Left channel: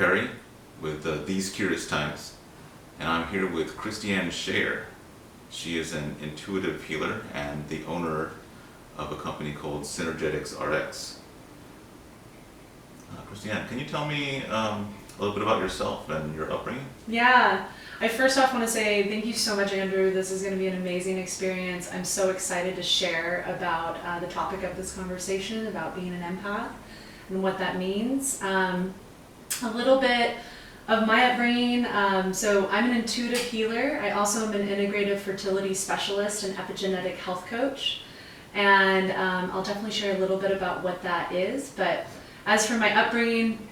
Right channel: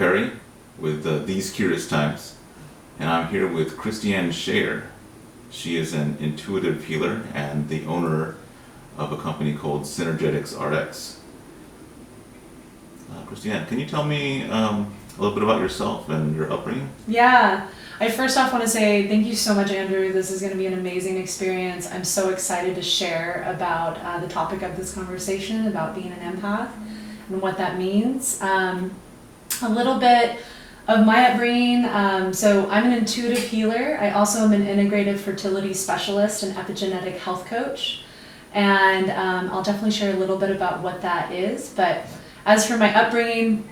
Perry with These Curious Times, and I'm here with Kristianne Scheier. She is an intuitive healer and the owner of a company called Synergetics RX. Kristianne, can you tell me a little bit about yourself and your upbringing? Yeah, I first off want to say thank you so much, Andrew. This is going to be an amazing experience. I'm so excited to share about the topic of this conversation, about being an empath and what that means. A little bit of my upbringing. So I'm an intuitive healer. I also am an integrative fertility specialist and epigenetic health coach. And I'll definitely share a little bit about what that is. But as for my upbringing,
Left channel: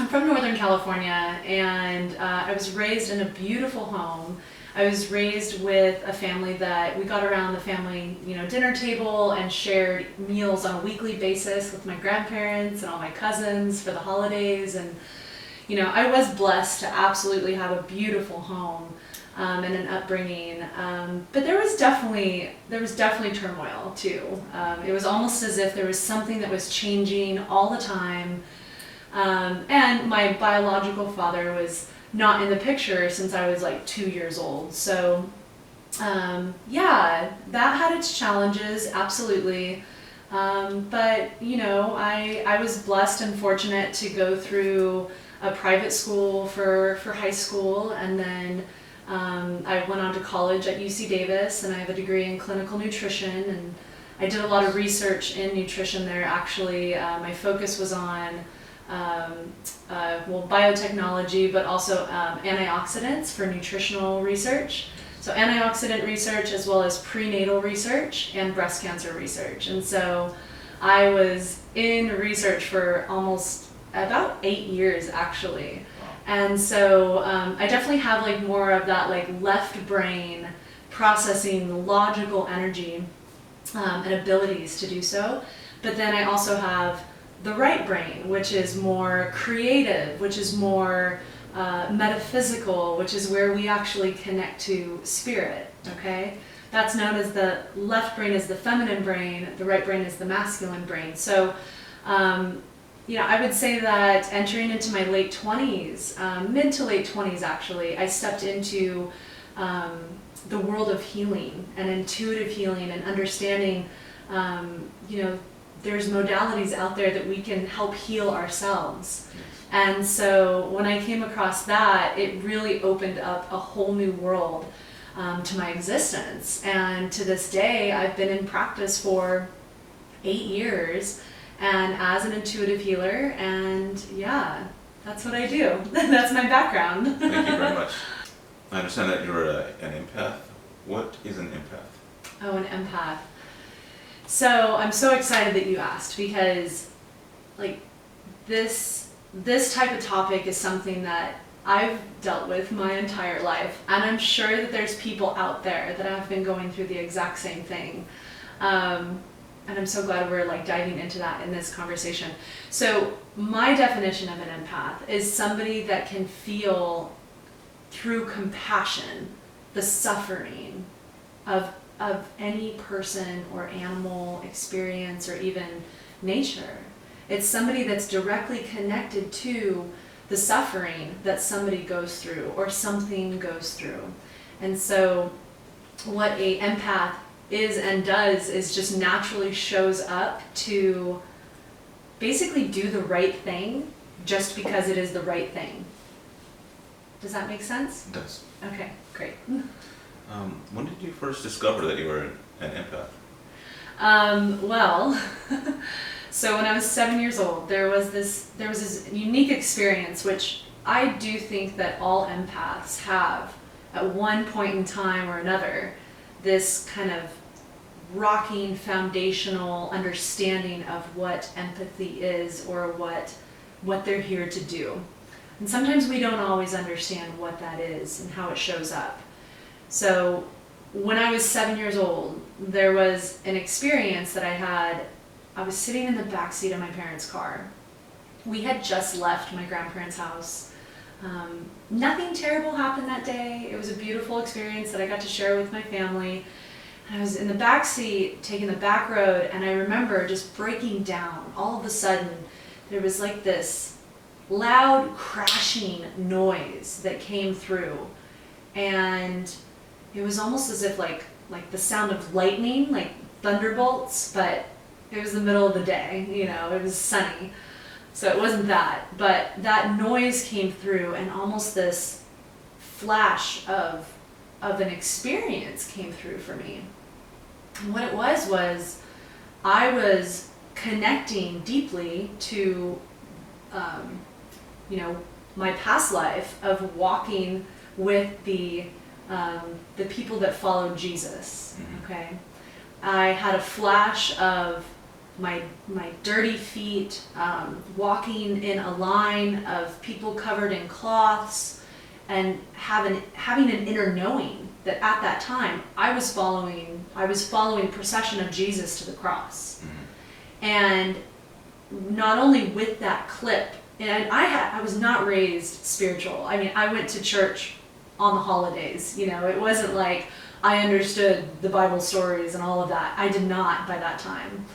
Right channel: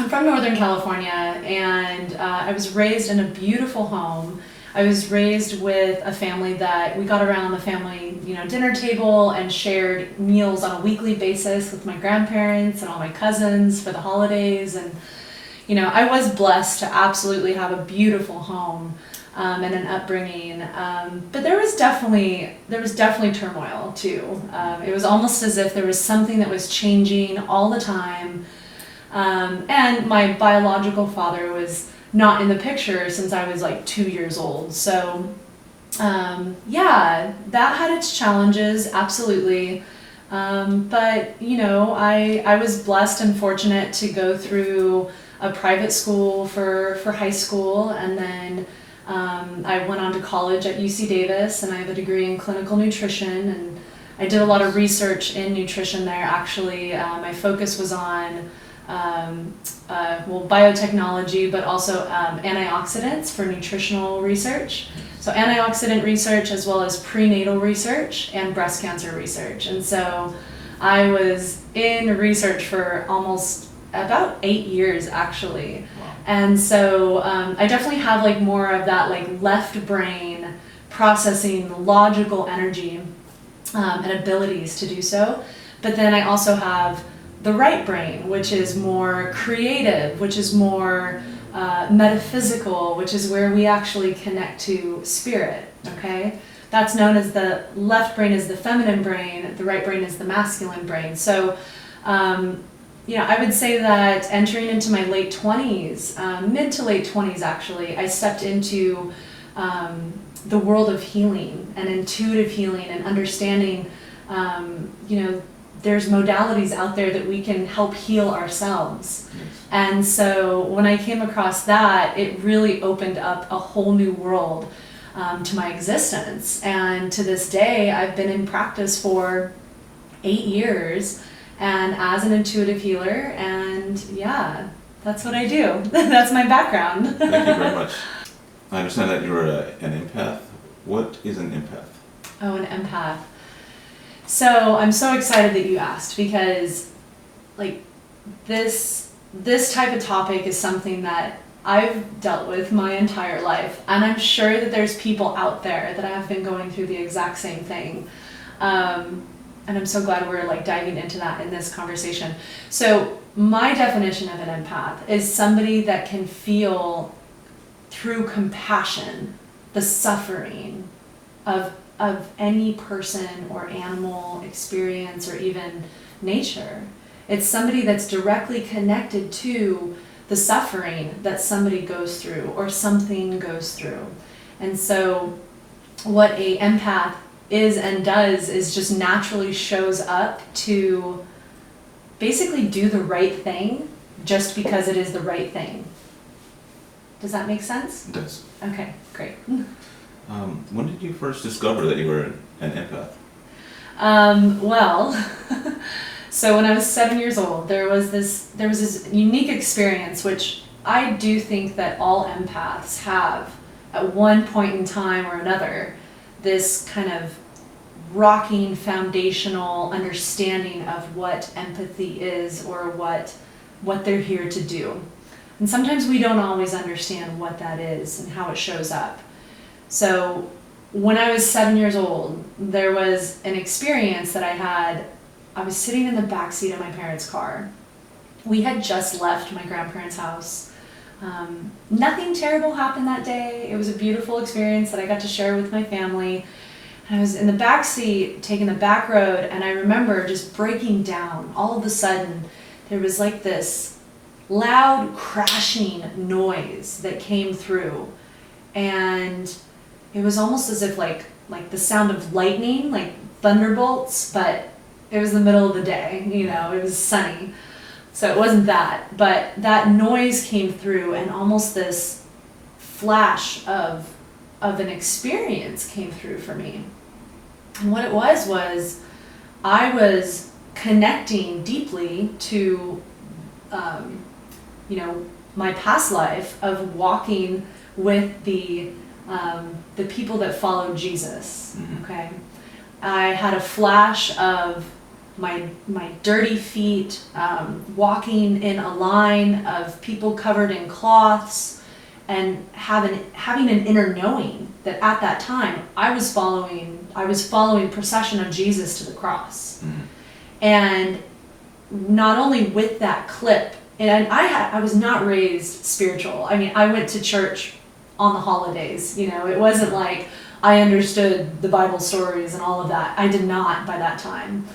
I'm from Northern California, and I was raised in a beautiful home. I was raised with a family that we got around the family, dinner table and shared meals on a weekly basis with my grandparents and all my cousins for the holidays. And, I was blessed to absolutely have a beautiful home and an upbringing. But there was definitely turmoil too. It was almost as if there was something that was changing all the time. And my biological father was not in the picture since I was like 2 years old. So, that had its challenges, absolutely. But, I was blessed and fortunate to go through a private school for high school. And then I went on to college at UC Davis, and I have a degree in clinical nutrition. And I did a lot of research in nutrition there, actually. My focus was on biotechnology, but also antioxidants for nutritional research. So antioxidant research as well as prenatal research and breast cancer research. And so I was in research for almost about 8 years, actually. Wow. And so I definitely have more of that left brain processing logical energy and abilities to do so. But then I also have the right brain, which is more creative, which is more metaphysical, which is where we actually connect to spirit, okay? That's known as the left brain is the feminine brain, the right brain is the masculine brain. So, I would say that entering into my late 20s, mid to late 20s actually, I stepped into the world of healing and intuitive healing and understanding, there's modalities out there that we can help heal ourselves. Yes. And so when I came across that, it really opened up a whole new world to my existence. And to this day, I've been in practice for 8 years and as an intuitive healer. And that's what I do. That's my background. Thank you very much. I understand that you're an empath. What is an empath? Oh, an empath. So I'm so excited that you asked, because this type of topic is something that I've dealt with my entire life, and I'm sure that there's people out there that have been going through the exact same thing. And I'm so glad we're diving into that in this conversation. So my definition of an empath is somebody that can feel through compassion the suffering of any person or animal experience or even nature. It's somebody that's directly connected to the suffering that somebody goes through or something goes through. And so what a empath is and does is just naturally shows up to basically do the right thing just because it is the right thing. Does that make sense? It does. Okay, great. When did you first discover that you were an empath? So when I was 7 years old, there was this unique experience, which I do think that all empaths have at one point in time or another, this kind of rocking foundational understanding of what empathy is or what they're here to do. And sometimes we don't always understand what that is and how it shows up. So when I was 7 years old, there was an experience that I had. I was sitting in the backseat of my parents' car. We had just left my grandparents' house. Nothing terrible happened that day. It was a beautiful experience that I got to share with my family. And I was in the backseat, taking the back road, and I remember just breaking down. All of a sudden, there was this loud crashing noise that came through, and it was almost as if like the sound of lightning, like thunderbolts, but it was the middle of the day, you know, it was sunny, so it wasn't that, but that noise came through, and almost this flash of an experience came through for me. And what it was I was connecting deeply to my past life of walking with the people that followed Jesus. Okay, I had a flash of my dirty feet walking in a line of people covered in cloths, and having an inner knowing that at that time I was following procession of Jesus to the cross. And not only with that clip, and I was not raised spiritual. I mean, I went to church on the holidays, you know, it wasn't like I understood the Bible stories and all of that. I did not by that time,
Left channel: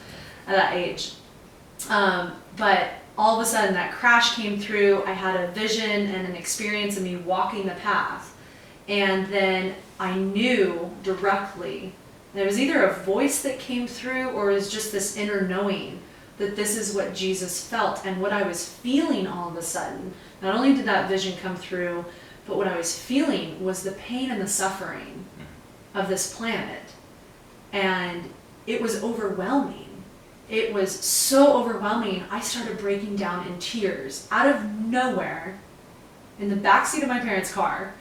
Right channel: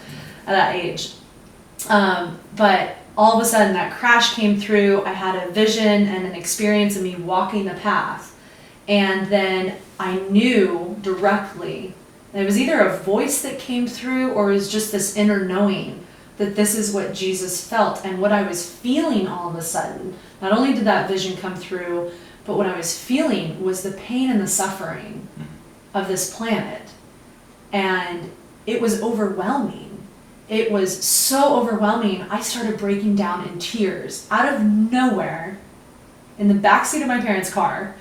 at that age. But all of a sudden that crash came through. I had a vision and an experience of me walking the path. And then I knew directly, and it was either a voice that came through or it was just this inner knowing that this is what Jesus felt, and what I was feeling all of a sudden. Not only did that vision come through, but what I was feeling was the pain and the suffering of this planet. And it was overwhelming. It was so overwhelming, I started breaking down in tears out of nowhere in the backseat of my parents' car.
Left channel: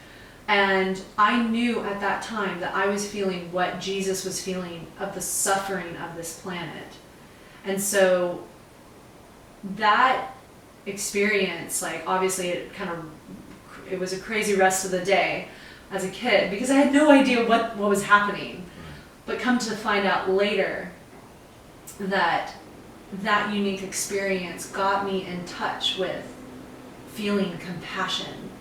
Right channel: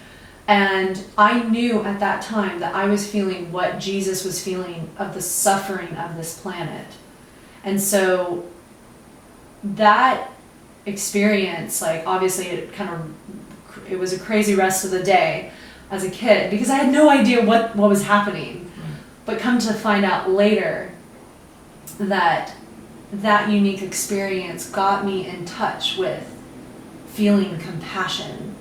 And I knew at that time that I was feeling what Jesus was feeling of the suffering of this planet. And so that experience, like obviously it was a crazy rest of the day as a kid because I had no idea what was happening. But come to find out later that unique experience got me in touch with feeling compassion.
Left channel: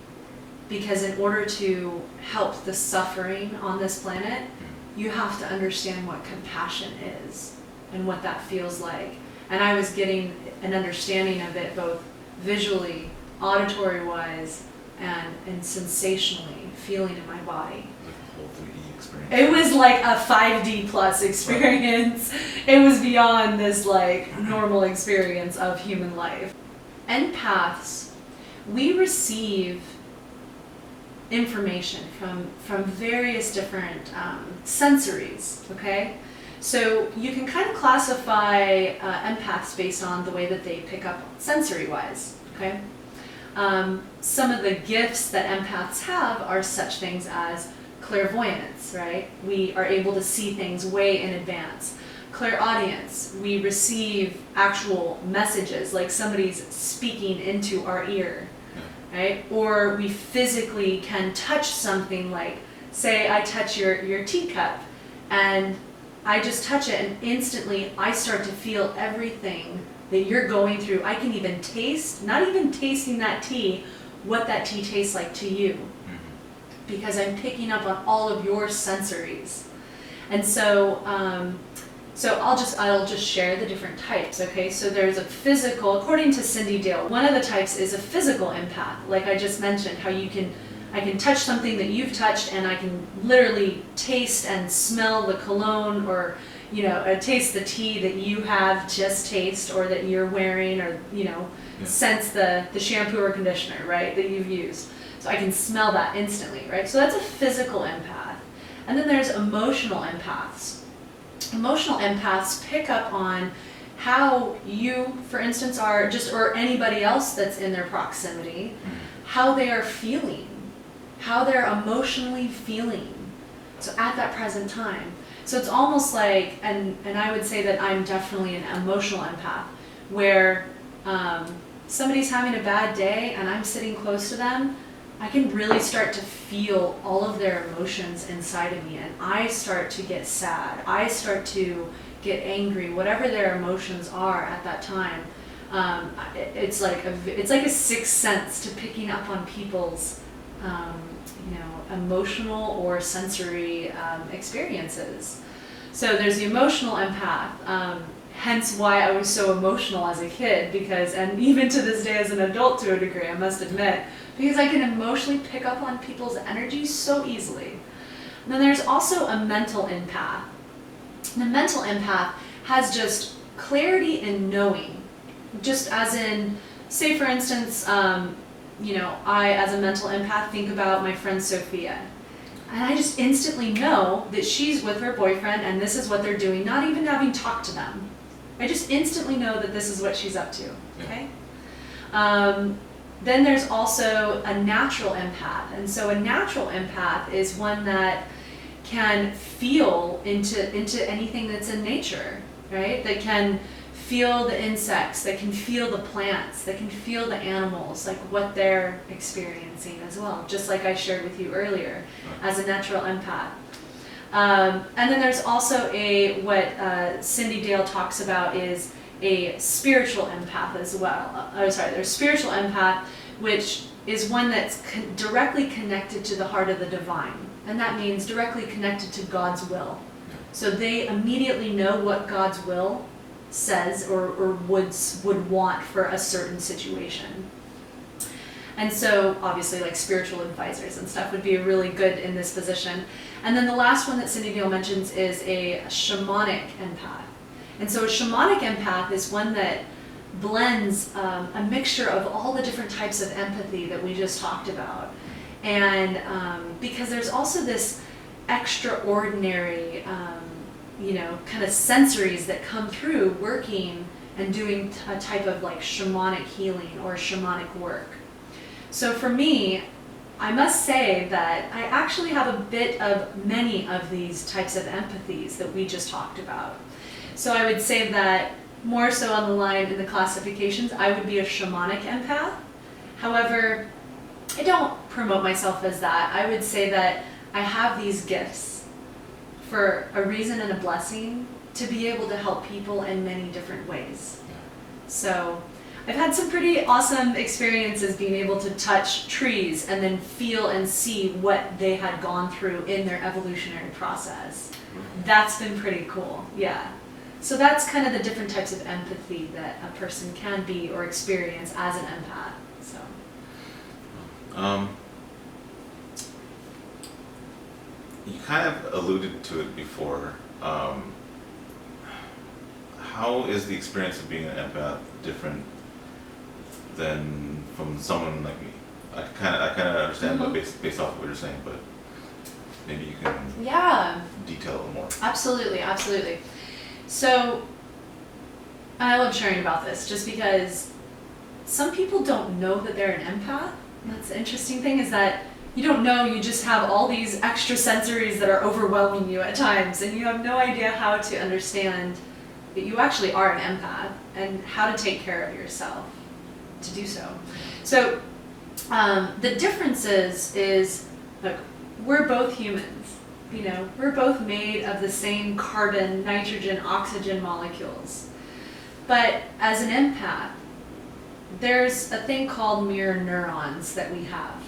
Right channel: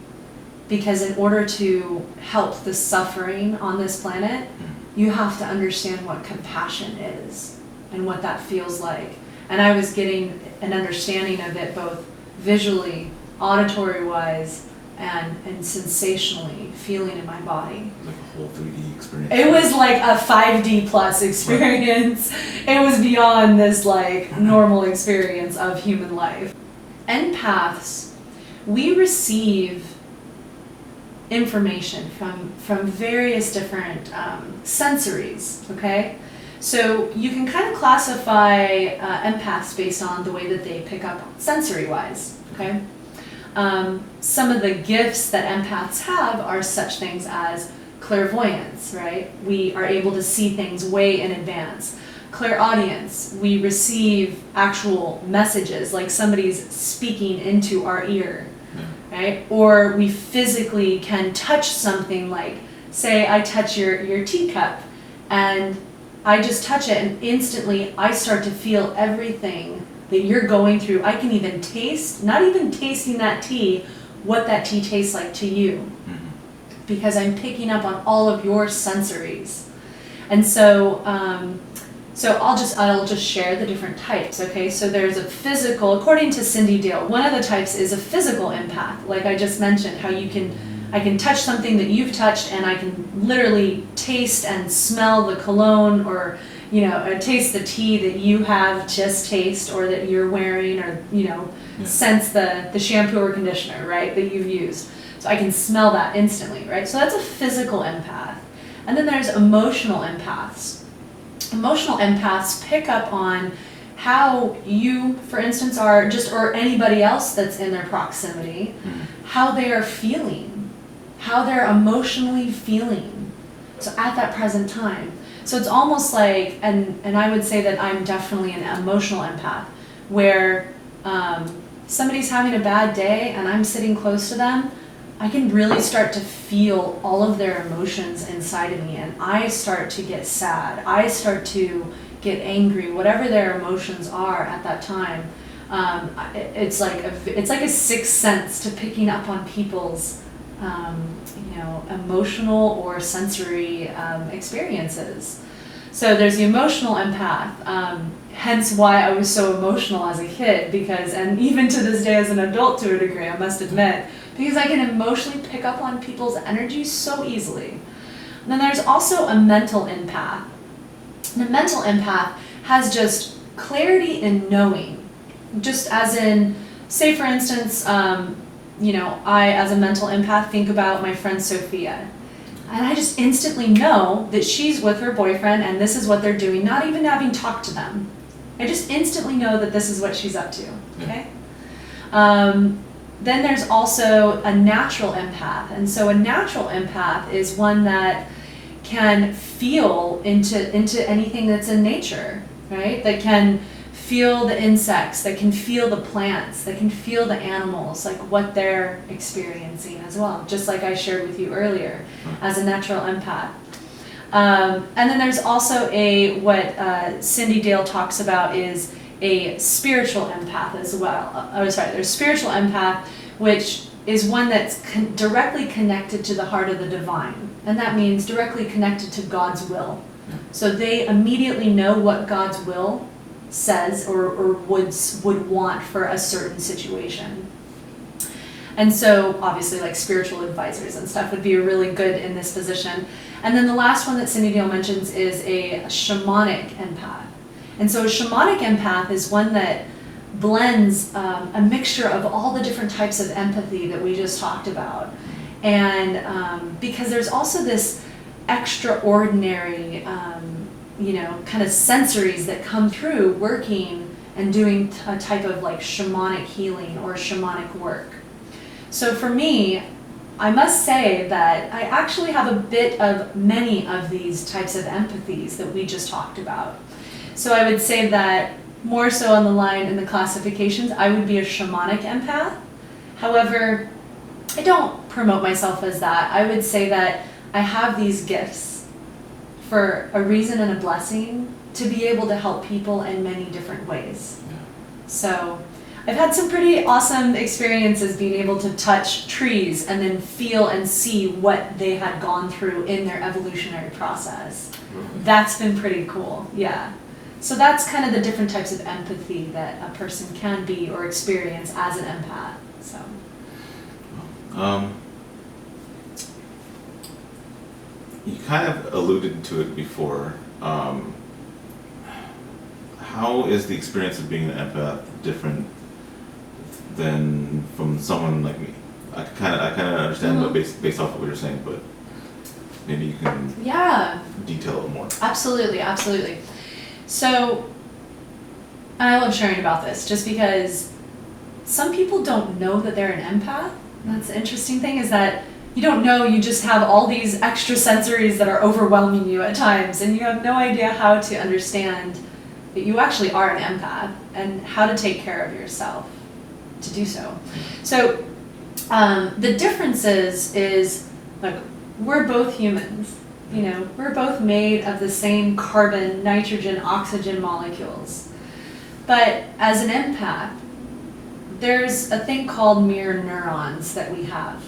Because in order to help the suffering on this planet, you have to understand what compassion is and what that feels like. And I was getting an understanding of it both visually, auditory-wise, and sensationally, feeling in my body. Like a whole 3D experience. It was like a 5D plus experience. Right. It was beyond this like normal experience of human life. Empaths, we receive information from various different sensories, okay? So you can kind of classify empaths based on the way that they pick up sensory-wise, okay? Some of the gifts that empaths have are such things as clairvoyance, right? We are able to see things way in advance. Clairaudience, we receive actual messages, like somebody's speaking into our ear, right? Or we physically can touch something, like, say I touch your teacup, and I just touch it, and instantly I start to feel everything that you're going through. I can even taste, not even tasting that tea, what that tea tastes like to you. Because I'm picking up on all of your sensories. And so I'll just share the different types, okay? So there's a physical, according to Cindy Deal, one of the types is a physical empath, like I just mentioned, how I can touch something that you've touched, and I can literally taste and smell the cologne, or taste the tea that you have just taste, or that you're wearing, or sense the shampoo or conditioner, right, that you've used. So I can smell that instantly, right? So that's a physical empath. And then there's emotional empaths. Emotional empaths pick up on how you, for instance, are or anybody else that's in their proximity, how they are feeling, how they're emotionally feeling. So at that present time. So it's almost like, and I would say that I'm definitely an emotional empath, where somebody's having a bad day and I'm sitting close to them, I can really start to feel all of their emotions inside of me, and I start to get sad. I start to get angry, whatever their emotions are at that time. It's like a sixth sense to picking up on people's emotional or sensory experiences. So there's the emotional empath, hence why I was so emotional as a kid, and even to this day as an adult to a degree, I must admit, because I can emotionally pick up on people's energy so easily. And then there's also a mental empath. And a mental empath has just clarity in knowing, just as in, say for instance, I as a mental empath think about my friend Sophia. And I just instantly know that she's with her boyfriend and this is what they're doing, not even having talked to them. I just instantly know that this is what she's up to, okay? Then there's also a natural empath. And so a natural empath is one that can feel into anything that's in nature, right? That can feel the insects, that can feel the plants, that can feel the animals, like what they're experiencing as well, just like I shared with you earlier as a natural empath. And then there's also what Cindy Dale talks about is a spiritual empath as well. There's spiritual empath, which is one that's directly connected to the heart of the divine. And that means directly connected to God's will. So they immediately know what God's will says or would want for a certain situation. And so obviously like spiritual advisors and stuff would be really good in this position. And then the last one that Cindy Dale mentions is a shamanic empath. And so a shamanic empath is one that blends a mixture of all the different types of empathy that we just talked about. And because there's also this extraordinary, kind of sensories that come through working and doing a type of like shamanic healing or shamanic work. So for me, I must say that I actually have a bit of many of these types of empathies that we just talked about. So I would say that more so on the line in the classifications, I would be a shamanic empath. However, I don't promote myself as that. I would say that I have these gifts for a reason and a blessing to be able to help people in many different ways. So I've had some pretty awesome experiences being able to touch trees and then feel and see what they had gone through in their evolutionary process. That's been pretty cool, yeah. So that's kind of the different types of empathy that a person can be or experience as an empath. So. You kind of alluded to it before. How is the experience of being an empath different than from someone like me? I kind of understand, but based off of what you're saying, but maybe you can detail a little more. Absolutely. So I love sharing about this just because some people don't know that they're an empath. That's the interesting thing, is that you don't know, you just have all these extra sensories that are overwhelming you at times, and you have no idea how to understand that you actually are an empath and how to take care of yourself to do so. So the difference is like, we're both humans. We're both made of the same carbon, nitrogen, oxygen molecules. But as an empath, there's a thing called mirror neurons that we have.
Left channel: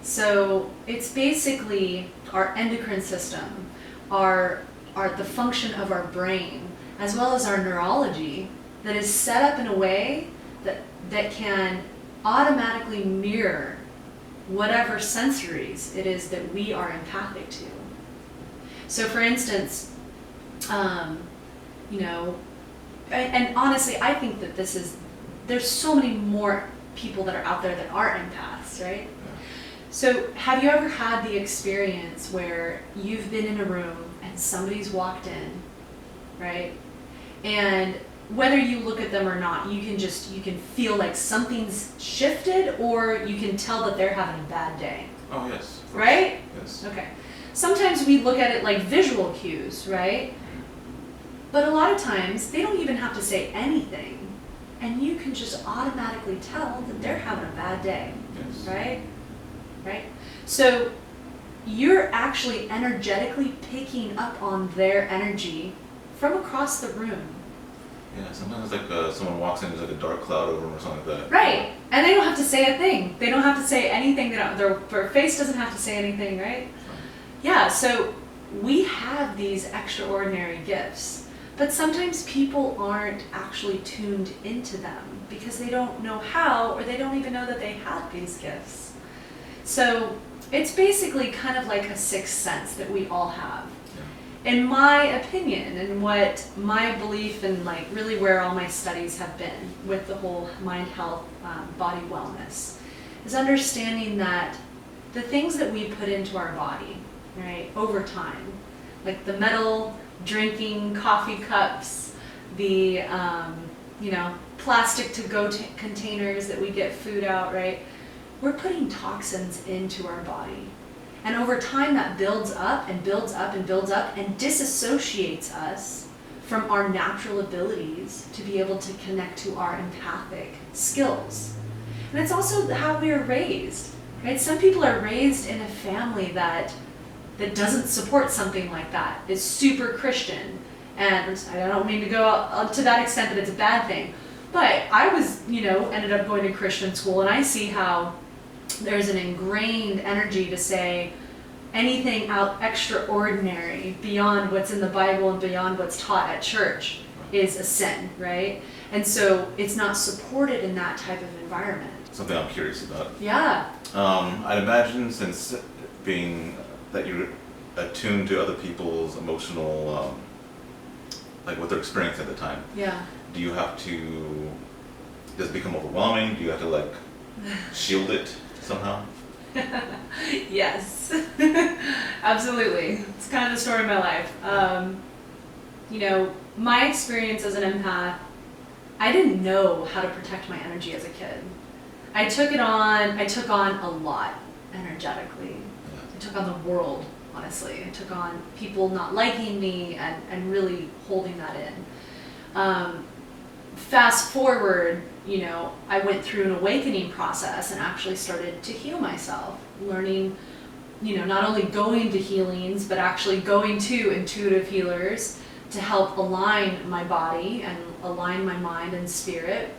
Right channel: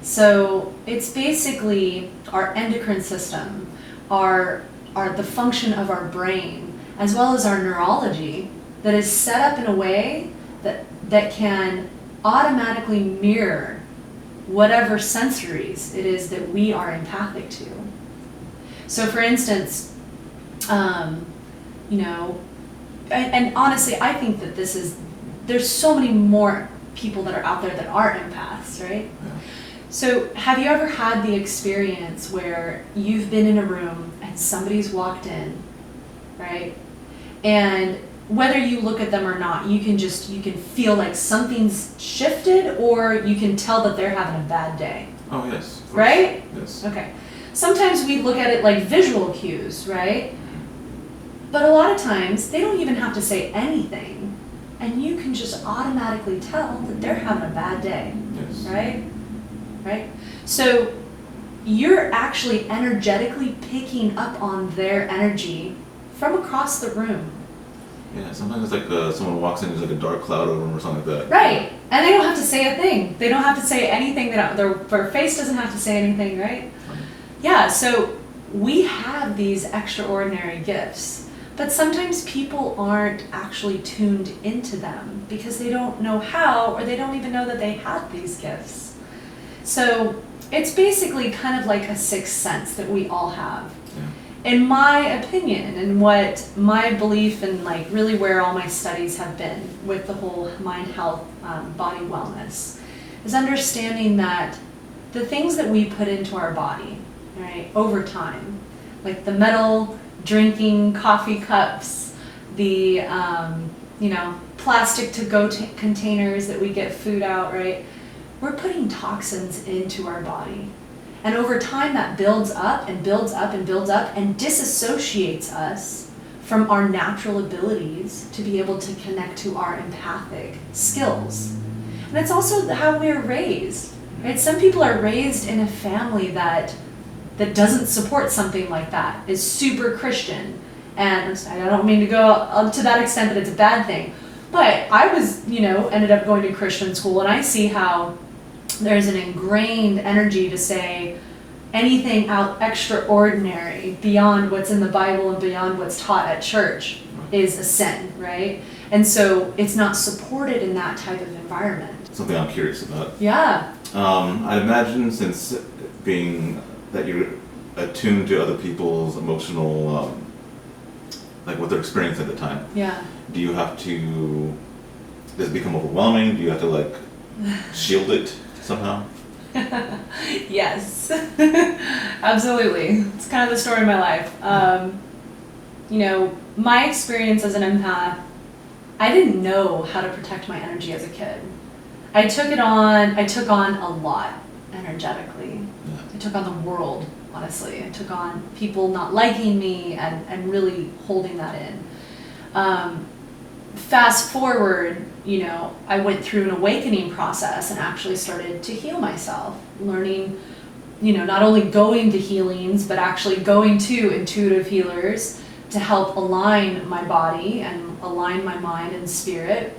So it's basically our endocrine system, the function of our brain, as well as our neurology, that is set up in a way that can automatically mirror whatever sensories it is that we are empathic to. So for instance, and honestly, I think that there's so many more people that are out there that are empaths, right? Yeah. So have you ever had the experience where you've been in a room and somebody's walked in, right? And whether you look at them or not, you can feel like something's shifted, or you can tell that they're having a bad day. Oh, yes. Right? Yes. Okay. Sometimes we look at it like visual cues, right? But a lot of times they don't even have to say anything, and you can just automatically tell that they're having a bad day. Yes. Right? So you're actually energetically picking up on their energy from across the room. Yeah, sometimes it's like someone walks in, there's like a dark cloud over them or something like that. Right. And they don't have to say a thing. They don't have to say anything. Their face doesn't have to say anything, right? Yeah, so we have these extraordinary gifts, but sometimes people aren't actually tuned into them because they don't know how, or they don't even know that they have these gifts. So it's basically kind of like a sixth sense that we all have. Yeah. In my opinion, and what my belief and like really where all my studies have been with the whole mind, health, body wellness, is understanding that the things that we put into our body, right, over time, like the metal drinking coffee cups, the plastic to-go containers that we get food out, right, we're putting toxins into our body. And over time that builds up and builds up and builds up and disassociates us from our natural abilities to be able to connect to our empathic skills. And it's also how we're raised, right? Some people are raised in a family that doesn't support something like that, is super Christian. And I don't mean to go to that extent that it's a bad thing, but I was, ended up going to Christian school, and I see how there's an ingrained energy to say anything out extraordinary beyond what's in the Bible and beyond what's taught at church is a sin, right? And so it's not supported in that type of environment. Something I'm curious about. Yeah. I'd imagine, since being that you're attuned to other people's emotional, like what they're experiencing at the time. Yeah. Do you have to, does it become overwhelming? Do you have to like shield it somehow? Yes. Absolutely. It's kind of the story of my life. My experience as an empath, I didn't know how to protect my energy as a kid. I took on a lot energetically. I took on the world, honestly. I took on people not liking me and really holding that in. Fast forward, I went through an awakening process and actually started to heal myself, learning, not only going to healings, but actually going to intuitive healers to help align my body and align my mind and spirit,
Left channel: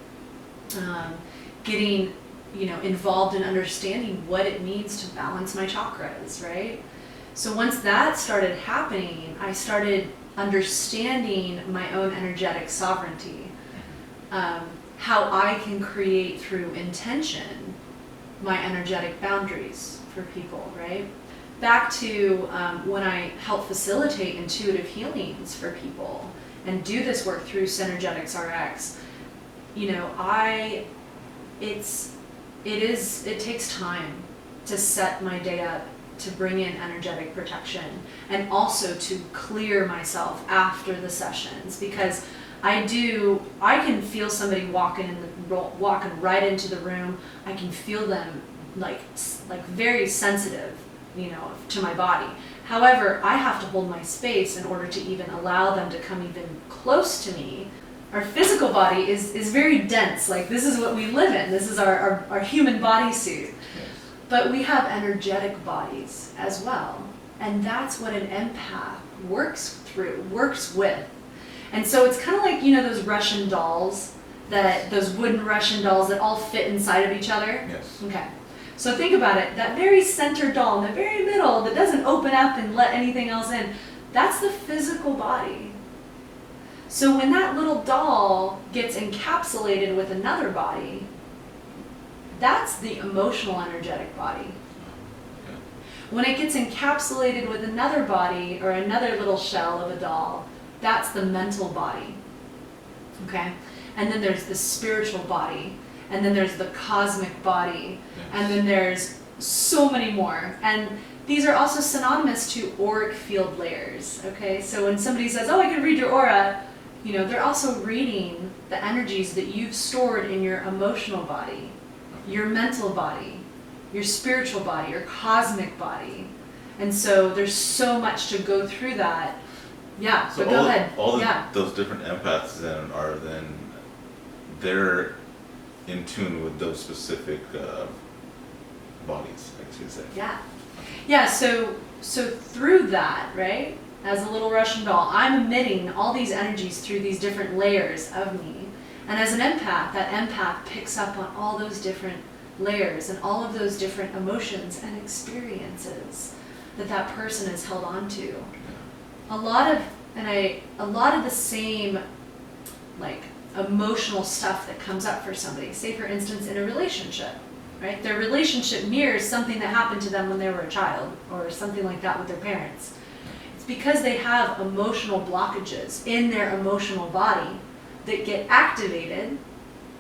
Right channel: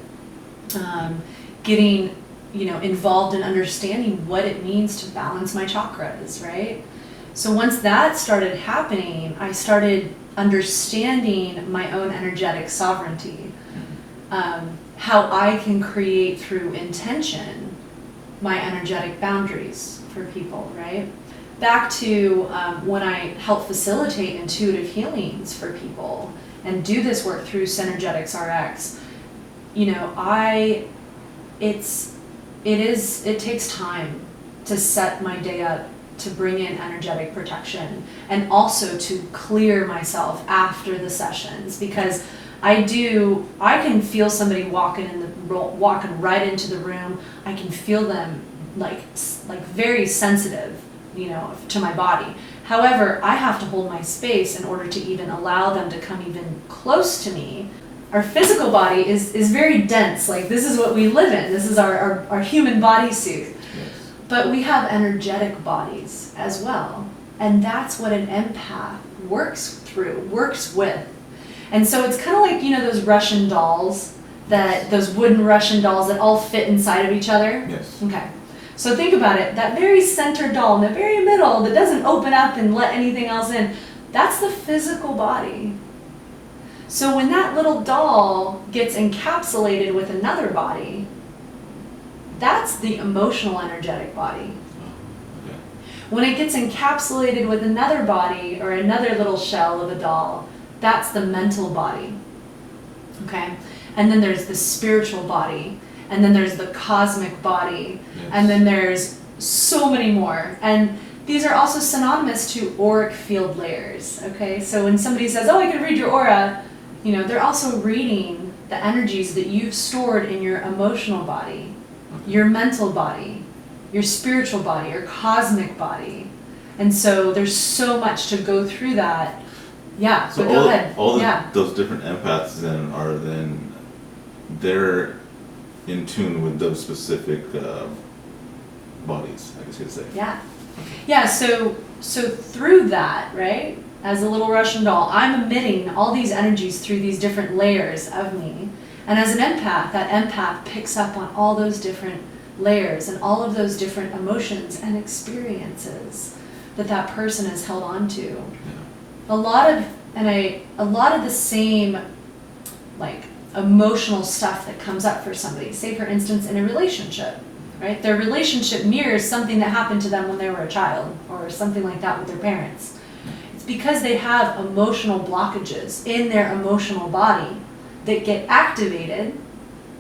getting involved in understanding what it means to balance my chakras, right? So once that started happening, I started understanding my own energetic sovereignty, how I can create through intention my energetic boundaries for people, right? Back to when I help facilitate intuitive healings for people and do this work through Synergetics RX, it takes time to set my day up to bring in energetic protection and also to clear myself after the sessions, because I can feel somebody walking right into the room. I can feel them like very sensitive, to my body. However, I have to hold my space in order to even allow them to come even close to me. Our physical body is very dense. Like, this is what we live in. This is our human bodysuit. Yes. But we have energetic bodies as well. And that's what an empath works with. And so it's kind of like, those Russian dolls, those wooden Russian dolls that all fit inside of each other. Yes. Okay. So think about it. That very center doll in the very middle that doesn't open up and let anything else in, that's the physical body. So when that little doll gets encapsulated with another body, that's the emotional energetic body. Oh, okay. When it gets encapsulated with another body or another little shell of a doll, that's the mental body. Okay? And then there's the spiritual body, and then there's the cosmic body, yes. And then there's so many more. And these are also synonymous to auric field layers. Okay? So when somebody says, "Oh, I can read your aura," they're also reading the energies that you've stored in your emotional body, your mental body, your spiritual body, your cosmic body. And so there's so much to go through that. Yeah, so but go ahead. Those different empaths they're in tune with those specific bodies, I guess you'd say. Yeah. Okay. Yeah, so through that, right? As a little Russian doll, I'm emitting all these energies through these different layers of me. And as an empath, that empath picks up on all those different layers and all of those different emotions and experiences that that person is held on to. Yeah. A lot of the same like emotional stuff that comes up for somebody, say for instance in a relationship, right? Their relationship mirrors something that happened to them when they were a child or something like that with their parents. It's because they have emotional blockages in their emotional body that get activated,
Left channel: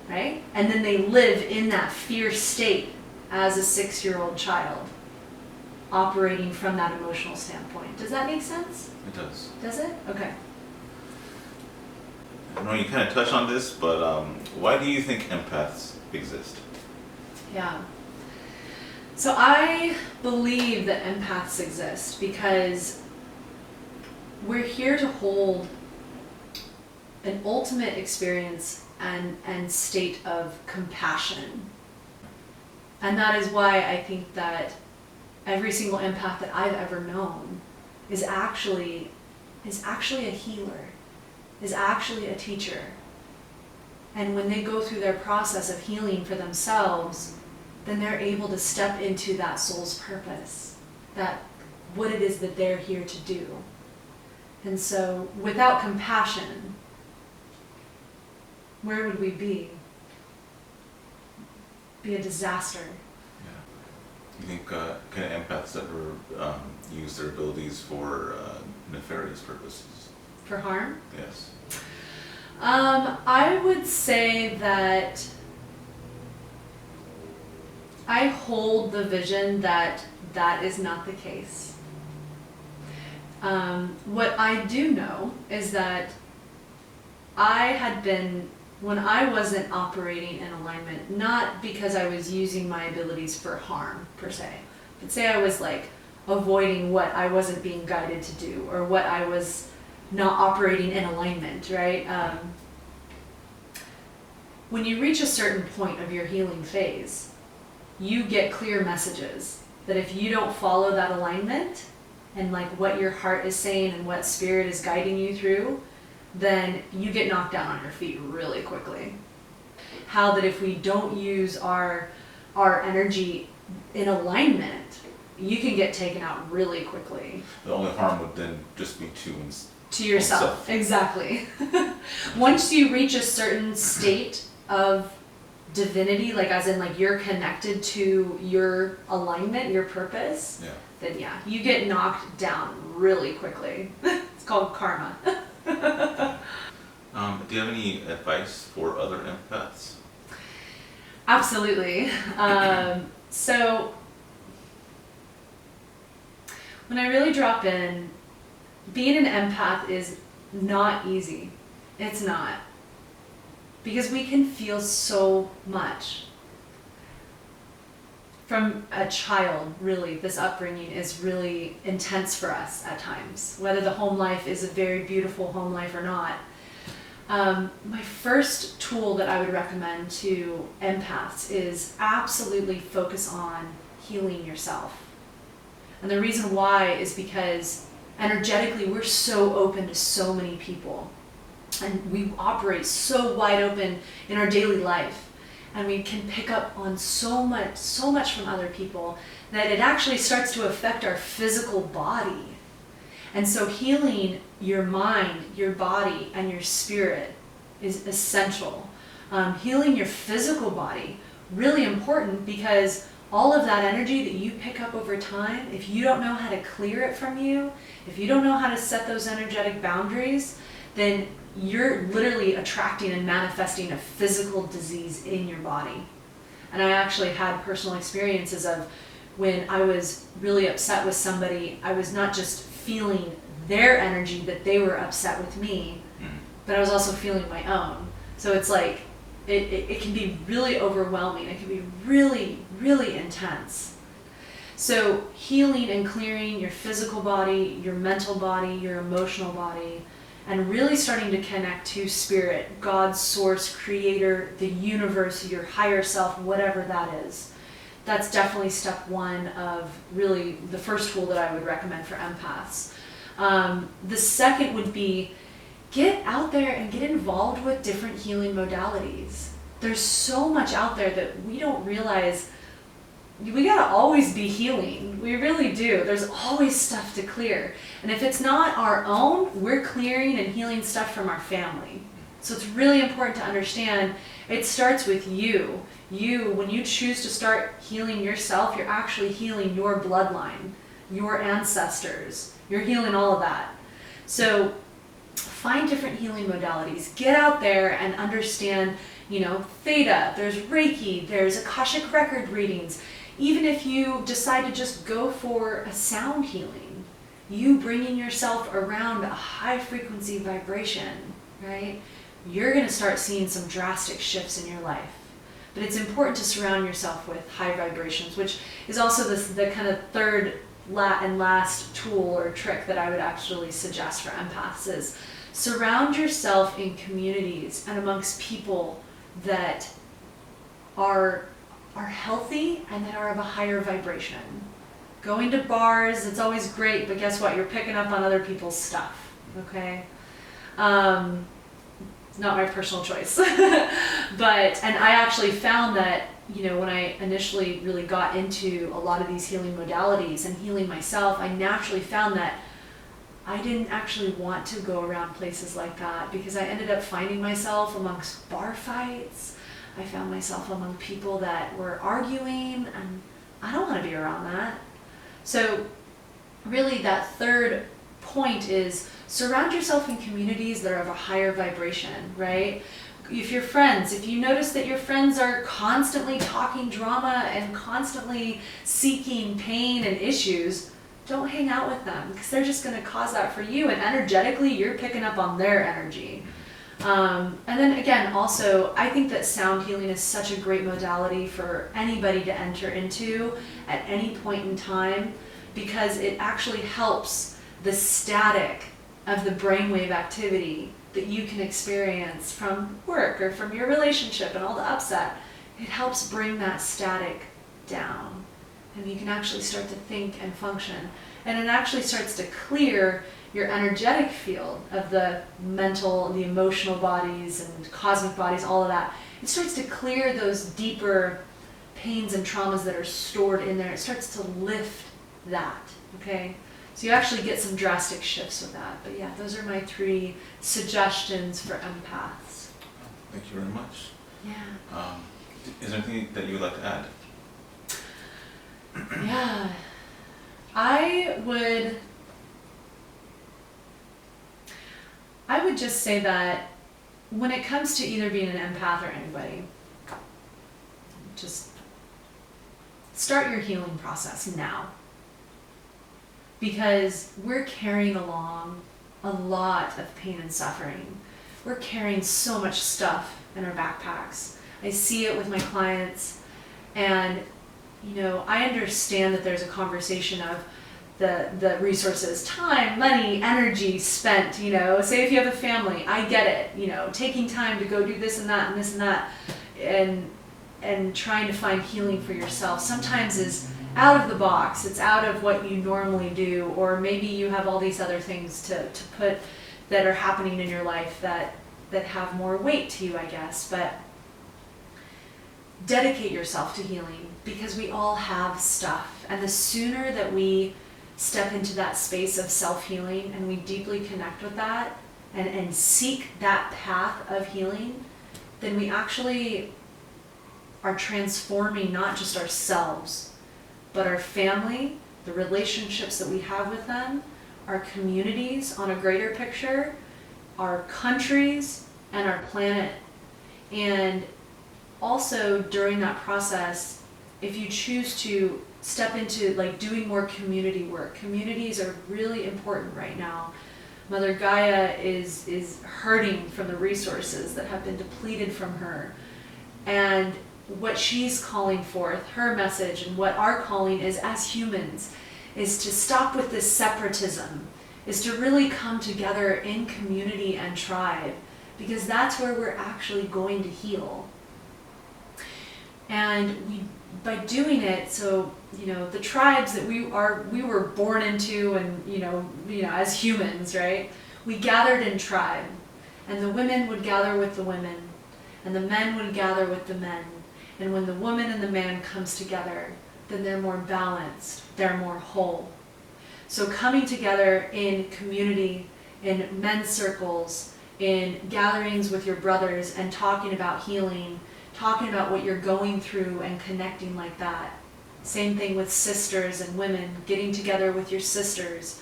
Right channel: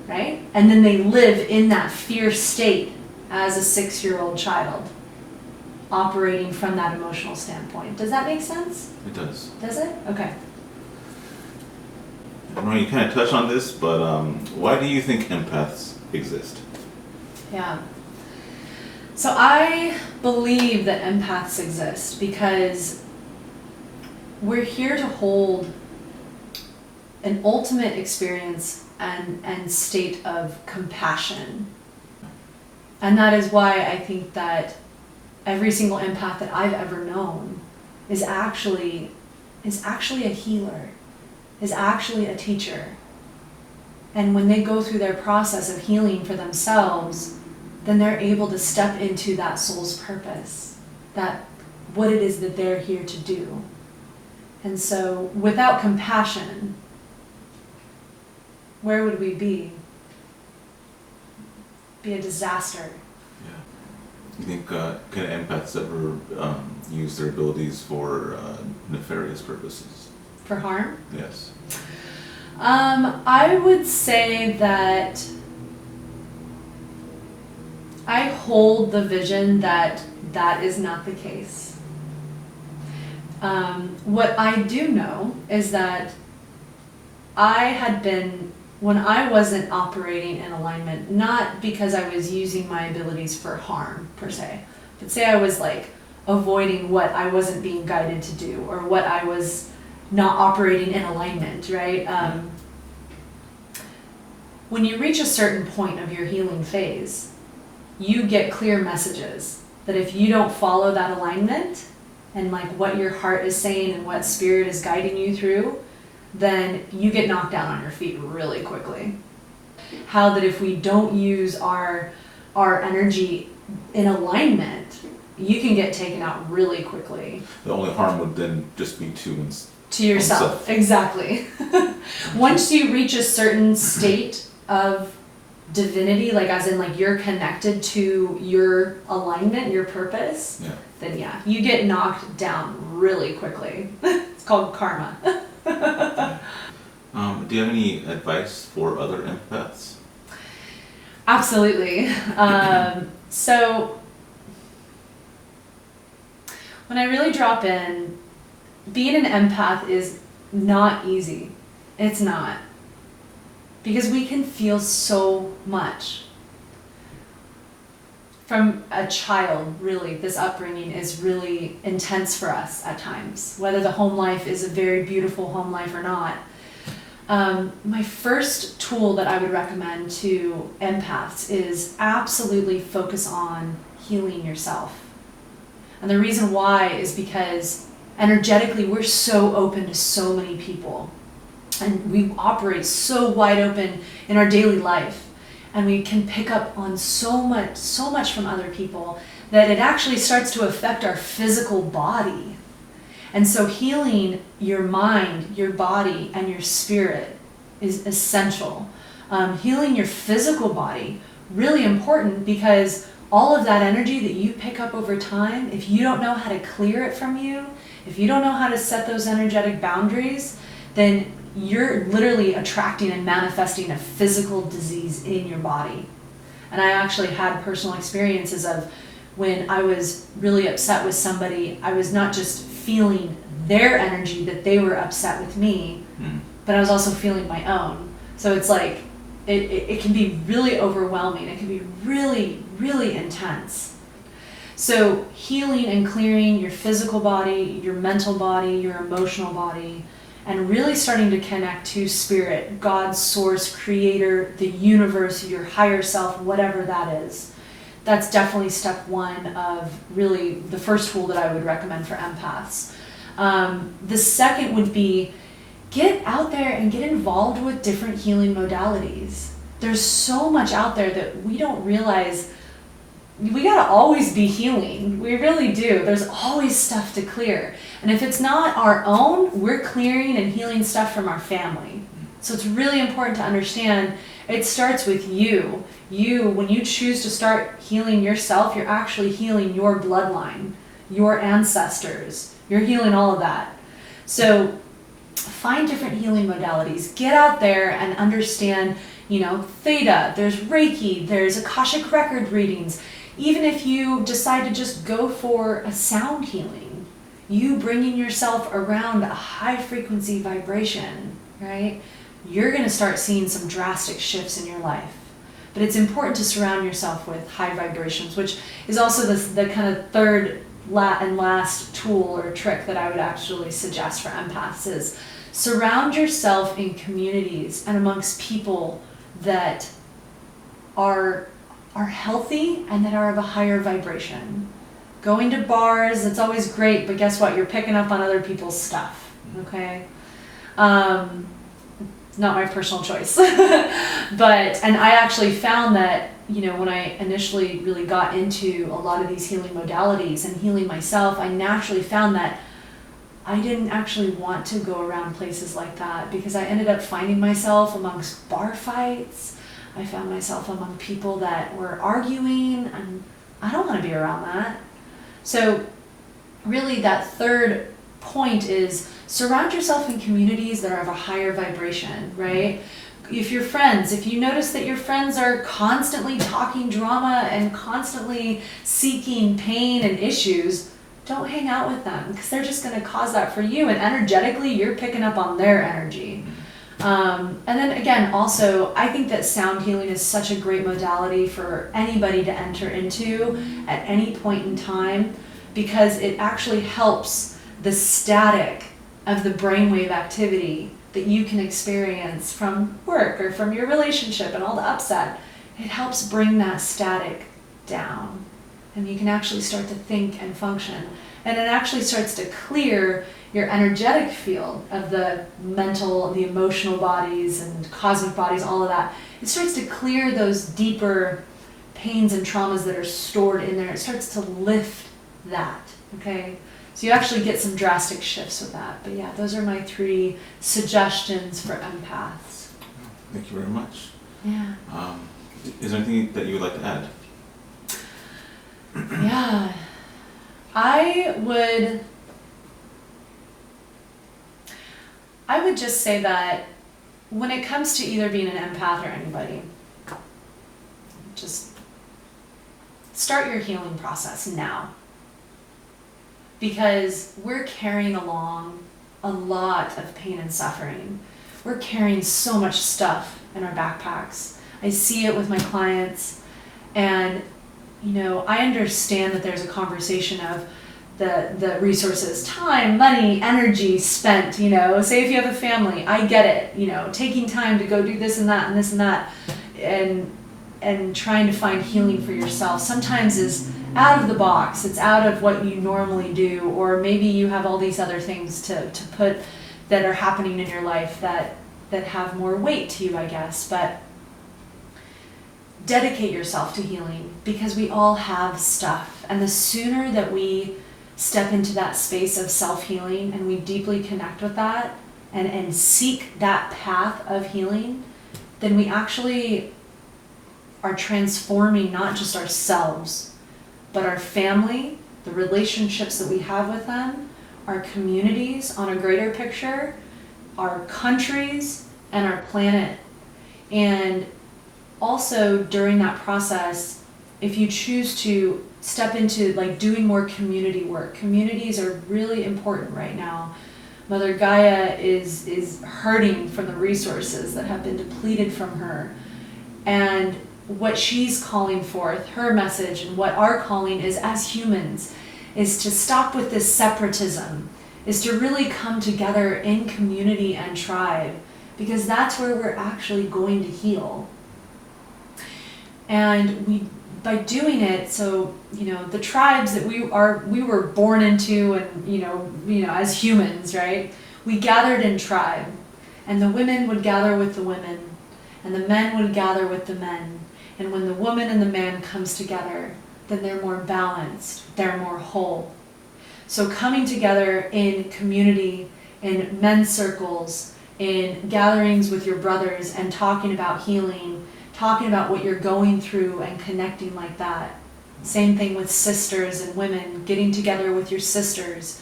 right? And then they live in that fear state as a 6-year-old child, operating from that emotional standpoint. Does that make sense? It does. Does it? Okay. I know you kind of touched on this, but why do you think empaths exist? Yeah. So I believe that empaths exist because we're here to hold an ultimate experience and state of compassion. And that is why I think that every single empath that I've ever known is actually a healer, is actually a teacher. And when they go through their process of healing for themselves, then they're able to step into that soul's purpose, that what it is that they're here to do. And so without compassion, where would we be? Be a disaster. Yeah. You think can empaths ever use their abilities for nefarious purposes? For harm? Yes. I would say that I hold the vision that that is not the case. What I do know is that I had been, when I wasn't operating in alignment, not because I was using my abilities for harm per se, but say I was like avoiding what I wasn't being guided to do or what I was not operating in alignment, right? When you reach a certain point of your healing phase, you get clear messages that if you don't follow that alignment and like what your heart is saying and what spirit is guiding you through, then you get knocked down on your feet really quickly. How that if we don't use our energy in alignment, you can get taken out really quickly. The only harm would then just be to yourself. Exactly. Once you reach a certain state of divinity, like as in like you're connected to your alignment, your purpose, yeah. Then yeah, you get knocked down really quickly. It's called karma. Do you have any advice for other empaths? Absolutely. So when I really drop in, being an empath is not easy. It's not. Because we can feel so much. From a child, really, this upbringing is really intense for us at times, whether the home life is a very beautiful home life or not. My first tool that I would recommend to empaths is absolutely focus on healing yourself. And the reason why is because energetically we're so open to so many people. And we operate so wide open in our daily life. And we can pick up on so much from other people that it actually starts to affect our physical body. And so healing your mind, your body, and your spirit is essential. Healing your physical body, really important, because all of that energy that you pick up over time, if you don't know how to clear it from you, if you don't know how to set those energetic boundaries, then you're literally attracting and manifesting a physical disease in your body. And I actually had personal experiences of when I was really upset with somebody, I was not just feeling their energy that they were upset with me, but I was also feeling my own. So it's like, it can be really overwhelming. It can be really, really intense. So healing and clearing your physical body, your mental body, your emotional body, and really starting to connect to spirit, God's source, creator, the universe, your higher self, whatever that is. That's definitely step one of really the first tool that I would recommend for empaths. The second would be get out there and get involved with different healing modalities. There's so much out there that we don't realize we gotta always be healing. We really do. There's always stuff to clear. And if it's not our own, we're clearing and healing stuff from our family. So it's really important to understand it starts with you. You, when you choose to start healing yourself, you're actually healing your bloodline, your ancestors. You're healing all of that. So find different healing modalities. Get out there and understand, theta, there's Reiki, there's Akashic record readings. Even if you decide to just go for a sound healing, you bringing yourself around a high frequency vibration, right? You're going to start seeing some drastic shifts in your life. But it's important to surround yourself with high vibrations, which is also the kind of third and last tool or trick that I would actually suggest for empaths is surround yourself in communities and amongst people that are healthy and that are of a higher vibration. Going to bars, it's always great, but guess what? You're picking up on other people's stuff, okay? Not my personal choice. And I actually found that, when I initially really got into a lot of these healing modalities and healing myself, I naturally found that I didn't actually want to go around places like that because I ended up finding myself amongst bar fights. I found myself among people that were arguing, and I don't want to be around that. So really that third point is surround yourself in communities that are of a higher vibration, right? If you notice that your friends are constantly talking drama and constantly seeking pain and issues, don't hang out with them because they're just going to cause that for you, and energetically you're picking up on their energy. And then again, also, I think that sound healing is such a great modality for anybody to enter into at any point in time because it actually helps the static of the brainwave activity that you can experience from work or from your relationship and all the upset. It helps bring that static down, and you can actually start to think and function. And it actually starts to clear your energetic field of the mental, the emotional bodies and cosmic bodies, all of that. It starts to clear those deeper pains and traumas that are stored in there. It starts to lift that, okay? So you actually get some drastic shifts with that. But yeah, those are my 3 suggestions for empaths. Thank you very much. Yeah. Is there anything that you would like to add? Yeah. I would just say that when it comes to either being an empath or anybody, just start your healing process now. Because we're carrying along a lot of pain and suffering. We're carrying so much stuff in our backpacks. I see it with my clients, and I understand that there's a conversation of the resources, time, money, energy spent, say if you have a family, I get it, taking time to go do this and that and this and that, and trying to find healing for yourself sometimes is out of the box. It's out of what you normally do, or maybe you have all these other things to put that are happening in your life that have more weight to you, I guess. But dedicate yourself to healing, because we all have stuff, and the sooner that we step into that space of self-healing and we deeply connect with that and seek that path of healing, then we actually are transforming not just ourselves, but our family, the relationships that we have with them, our communities on a greater picture, our countries, and our planet. And also during that process, if you choose to step into doing more community work, communities are really important right now. Mother Gaia is hurting from the resources that have been depleted from her. And what she's calling forth, her message, and what our calling is as humans, is to stop with this separatism, is to really come together in community and tribe, because that's where we're actually going to heal. And by doing it, so the tribes that we were born into, and as humans, right? We gathered in tribe, and the women would gather with the women, and the men would gather with the men. And when the woman and the man comes together, then they're more balanced, they're more whole. So coming together in community, in men's circles, in gatherings with your brothers and talking about healing, talking about what you're going through and connecting like that. Same thing with sisters and women, getting together with your sisters.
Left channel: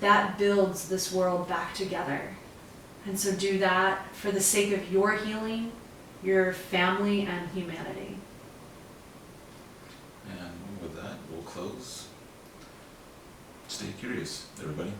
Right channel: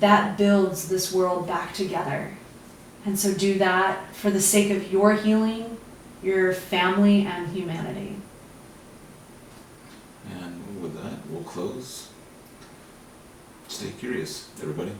That builds this world back together. And so do that for the sake of your healing, your family, and humanity. And with that, we'll close. Stay curious, everybody.